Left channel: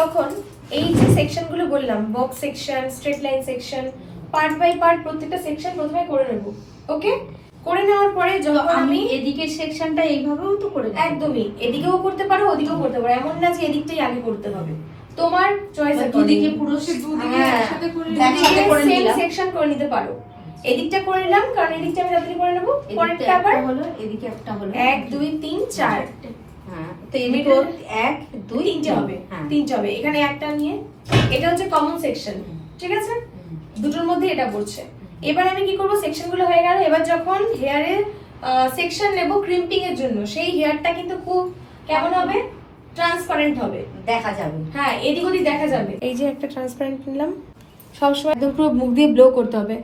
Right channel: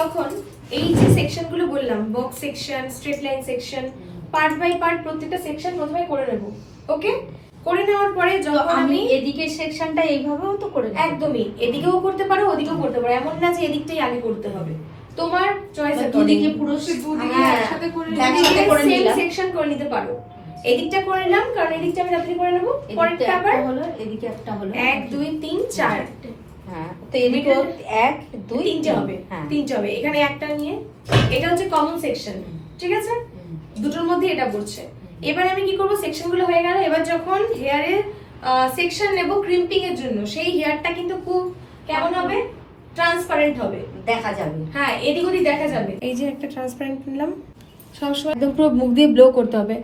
তখন এই যে সেকশন গুলো বললাম, box section, straight line section, part by part প্রত্যেকটা সেকশন প্রথমে করে নেব। ওকে, করে নেওয়ার পরে যখন আমি এদিকের সেকশনটা এইভাবেও তো করে নেব। একদমই এদিকেও করতে পারো, ওদিকেও করতে পারো, এমন না যে এদিকটাই আগে করতে হবে, তোমার চয়েস দুদিকে পুরো একসাথে করে একসাথে করে নিলাম। সেকশন করে নিতে পারো। এদিকটা করে নিলাম কারণ এদিকটা আমি রাত্রি করে নেব, পরেরটা আবার হলো, এদিকে একটা হলো 1 2 3 4, হ্যাঁ, তো এদিকে 1 2 তিনটে হবে, হ্যাঁ, তিনটে হবে। এখানে একটা নিয়ে, এটা হচ্ছে কমন সেকশন, ঠিক আছে? দুটোর মধ্যে এটা পড়ছে। এবার আমি কি করব, সেকশন গুলো হয়ে গেল। এবার যখন হেয়ারে সেকশন নেব ক্রিম্পিং এর জন্য, সেই হেয়ারটা কিন্তু খুব কেমন হবে, ট্রান্সপারেন্ট হবে, দেখা যাবে। হ্যাঁ এদিক ওদিক দেখা যাবে। এই যে একটা ট্রান্সপারেন্ট নিলাম, সবসময় একদম পুরো মুখ দিয়ে ব্লো করতে হবে।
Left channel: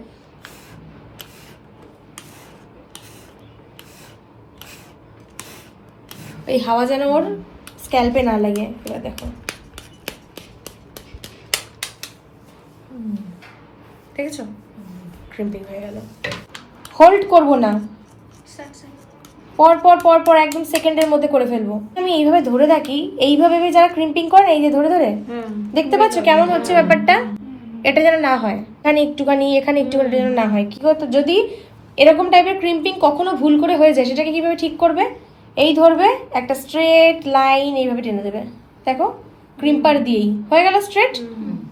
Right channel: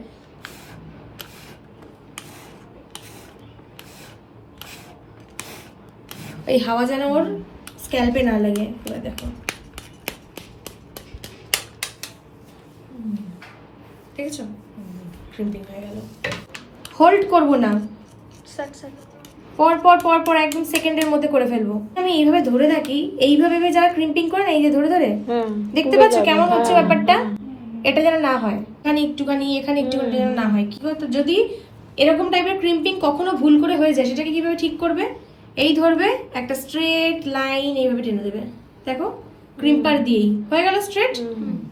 এই হাওয়া যেন ওর স্ক্যাল্পে না লাগে। এবার দেখো, দেখেছো ক্রিম্পিং হয়ে গেল। হোল্ড করব না, পর পর পর পর একদম সেকেন্ডের মধ্যে করে ফেলবো। আমি এইভাবে ধরে থাকি, এইভাবে যারা ক্রিম্পিং করেন এই যে ধরে ধরে, দেখতে পাচ্ছ কেমন হচ্ছে ব্যাপারটা? এটা যেন না হয়, এখানে একটুখানি এখানে একটুখানি যেন না হয়। কি করতো, যদি এরকম টাইপের ক্রিম্পিং কখনো ভুল করে হয়ে যায়, সেটাকে কিভাবে ঠিক করবে? এই ধরবে, একটা স্ট্রেট লাইন এইভাবে টেনে দেবে, দেখো ক্রিম্পার দিয়েই হয়ে গেল স্ট্রেট।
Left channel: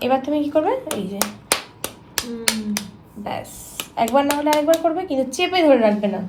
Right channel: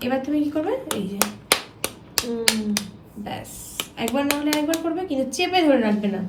এবার তুমি কি করবে, এই যে ব্যাস, একবার না হলে আরেকবার করবে, কিন্তু চেপে ধরে রাখবে না।